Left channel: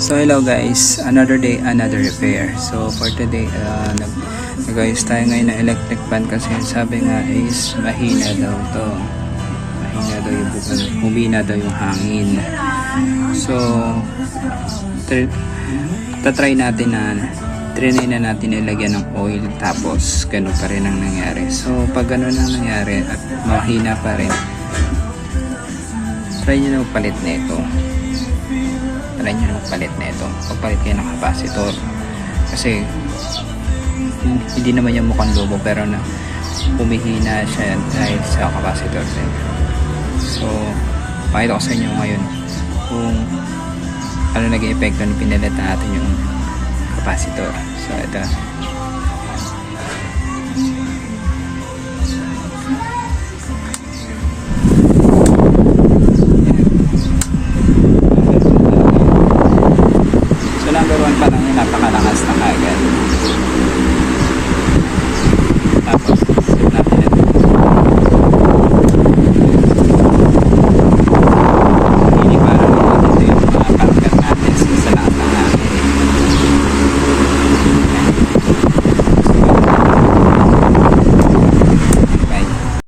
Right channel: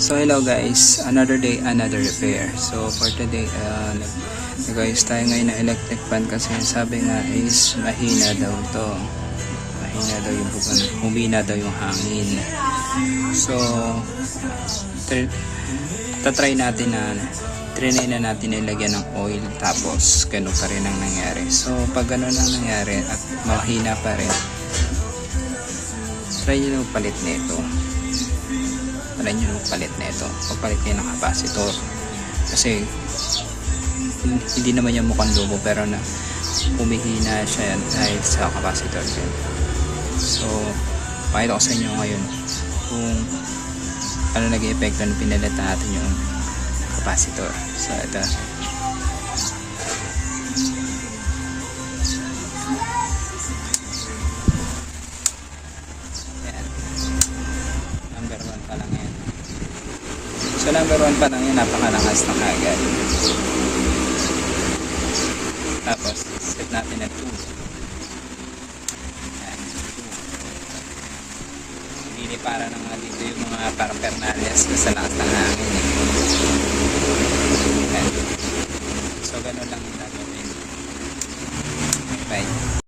So hello guys, another day, another repair. So for today, nag-ayos tayo ngayon ng electric fan kasi sabi nga is mahina daw to. Mahina daw yung bukod, humina daw yung hangin. So, tatry natin na trinay na natin ilagyan ng oil tapos ganun pa rin ang nangyari. So pag ganun ang nangyari at mahina pa rin, try nyo na palit na ito. Try nyo na palit na ito. Pagpalit kayo ng capacitor. Kasi hindi naman yung mukhang lobo pero na humihina siya dahil sa capacitor din. So pakita ko sa inyo ngayon kung ano naging epekto ng pinalit natin yung capacitor. So ito. So number 1 pa lang yung napakalakas na kagad. Tapos